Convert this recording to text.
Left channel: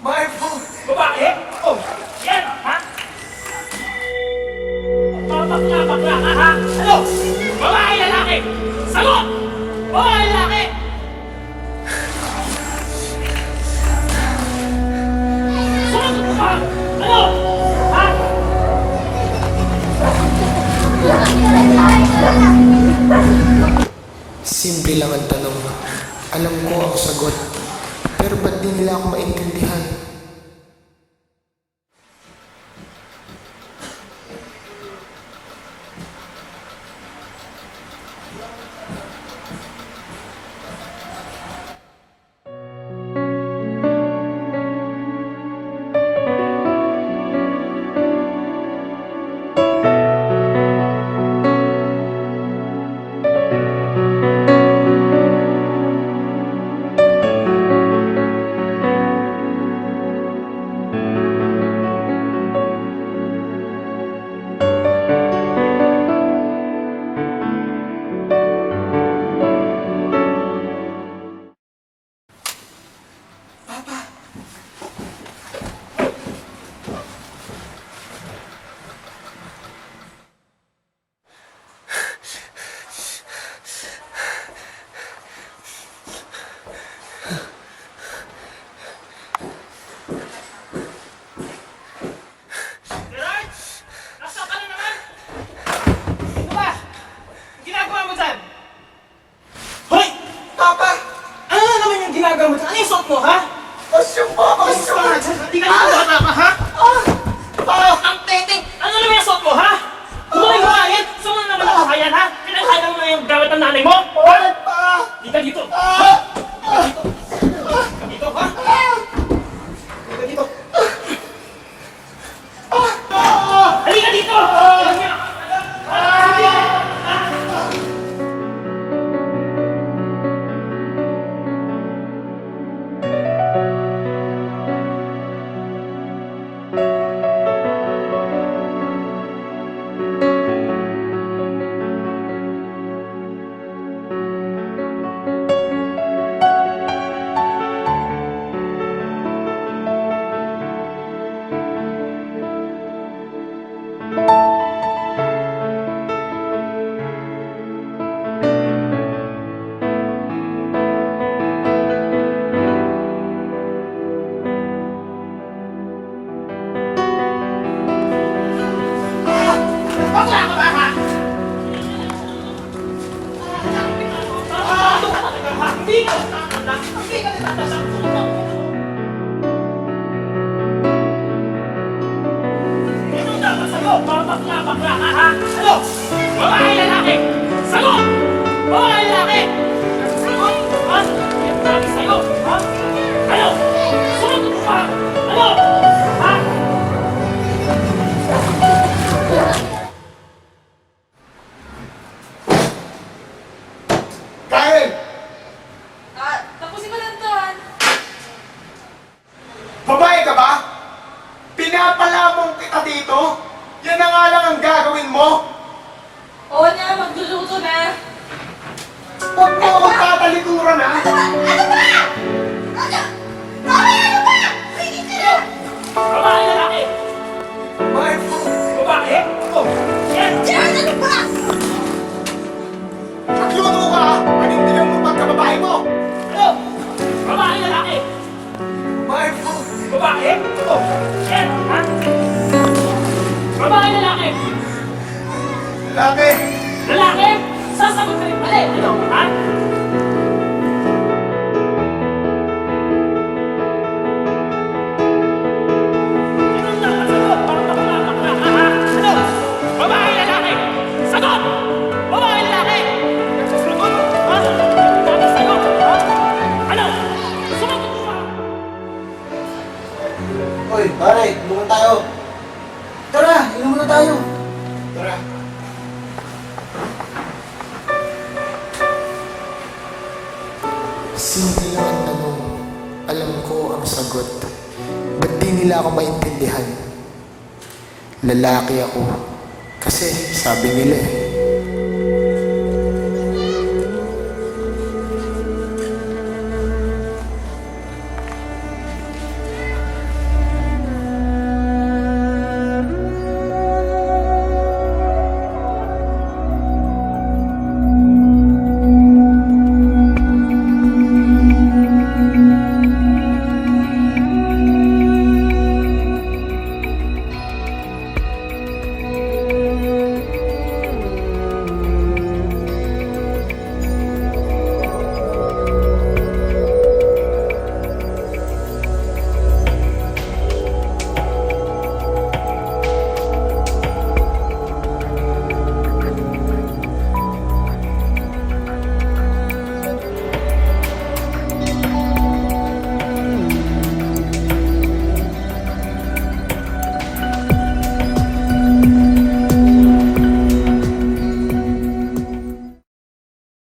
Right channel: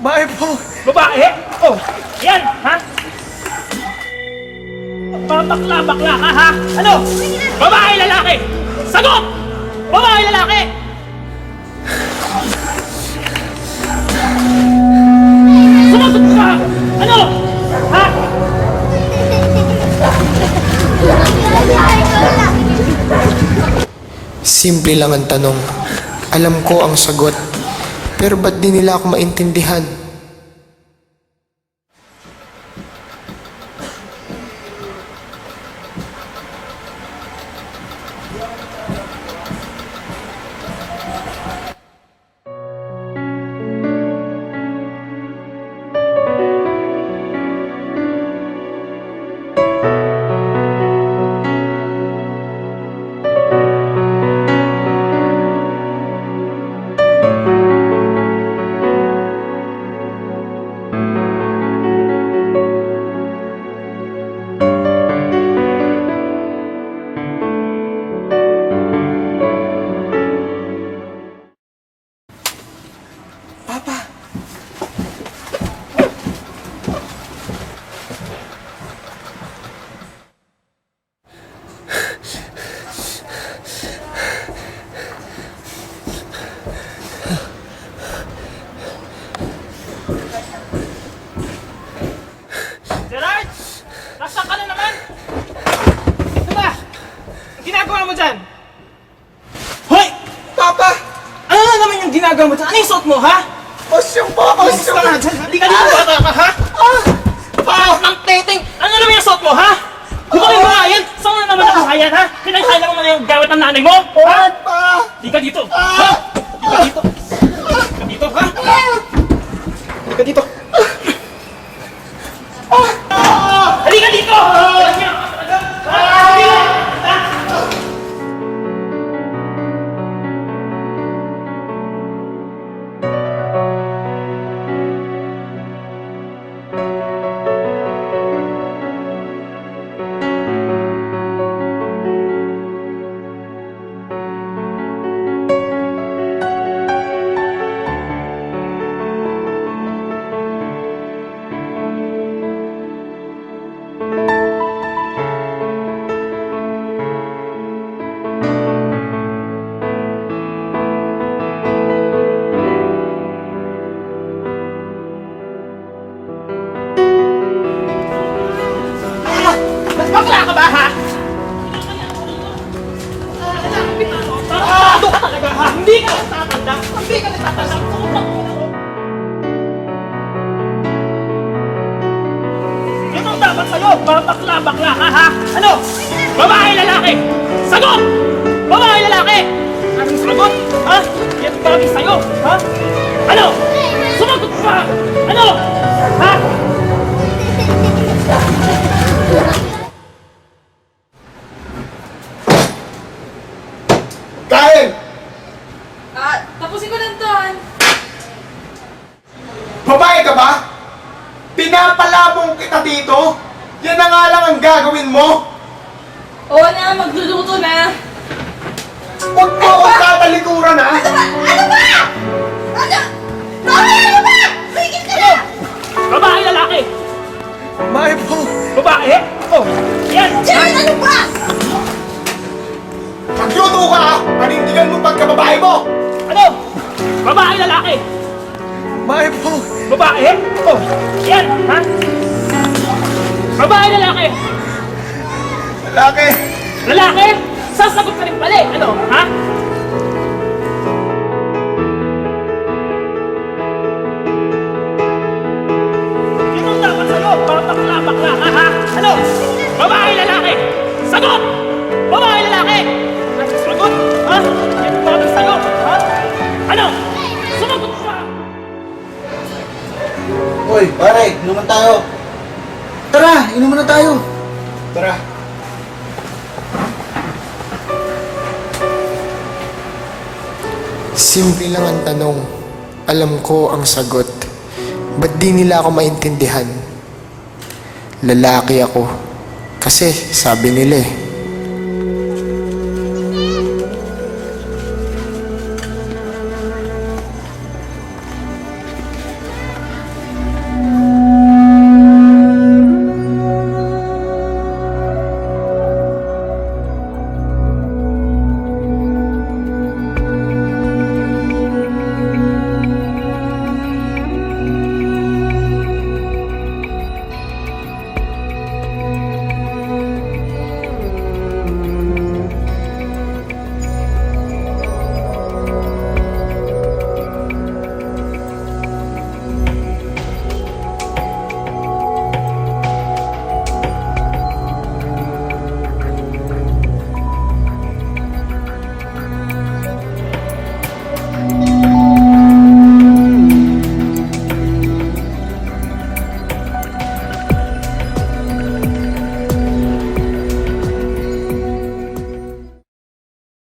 Babae po. Babae? Oh, yan, ha? Babakla-bakla ka, ha? Ano? Babae, lalaki? Sagot! Babae, lalaki? Sumagot ka! Ano? Ha? Simple lang ang tanong. Alam ko ang sagot. Pero ba't di nila ako maintindihan? Gerard! Nasaan ka na naman? Ano ba? Ginagawa mo dyan? Hoy! Papa! Ano na naman yung ginagawa mo dyan? Ano yung suot mo, ha? Osyong po! Alis ka na dyan! Hindi ka na bata ka, ha? Ang teteng! Ano naman yung suot mo, ha? Di ba kayo bahayan? Saan na naman nakahayan, ha? Pinaghalang mo na yung gamit ng nanay mo? Ha? Di ka dito! Ha? Di ka dito! Di ka dito, ha? Di ka dito! Halika dito! Bakla ka ba, ha? Ano ka talaga, ha? Hindi ka nagtatanda! Hindi ka nagtatanda! Itong dapat sa'yo, babakla-bakla ka, ha? Ano? Babae, lalaki? Sagot! Babae, lalaki? Sagot? Ha? Yan dami sa'yo, ha? Ano? Sumagot ka! Ano? Ha? Kain! Tapusin ko lang to, Han. Babae ka ba? Pinapalabong kita dito? Yan na nga lang ang gagawin mo? Oo na, magluluto na. Huwag mo akong tatalikuran, ha? Ano ba? Ano ba? Ano? Mami, ano ba? Pigil ka na! Babae, lalaki? Babae po. Babae? Oh, yan! Jared, ano ba? Magluto ka, ha? Panindigan mo pagkababae mo! Ano? Babae, lalaki? Babae po. Babae? Oh, yan! Ha? Babae, lalaki? Lalaki. Lalaki? Sasagot ka rin pala eh. Ano? Ha? Anong dapat sa'yo? Babakla-bakla ka, ha? Ano? Babae, lalaki? Sagot! Babae, lalaki? Sagot? Ha? Yan ang dami sa'yo, ha? Ano? Sumagot ka! Uy, pare, inuman tayo. Tara, inuman na tayo. Tara. Simple lang ang tanong. Alam ko ang sagot. Ba't di nila ako maintindihan? Lalaki ako. Kasi sabi nila eh,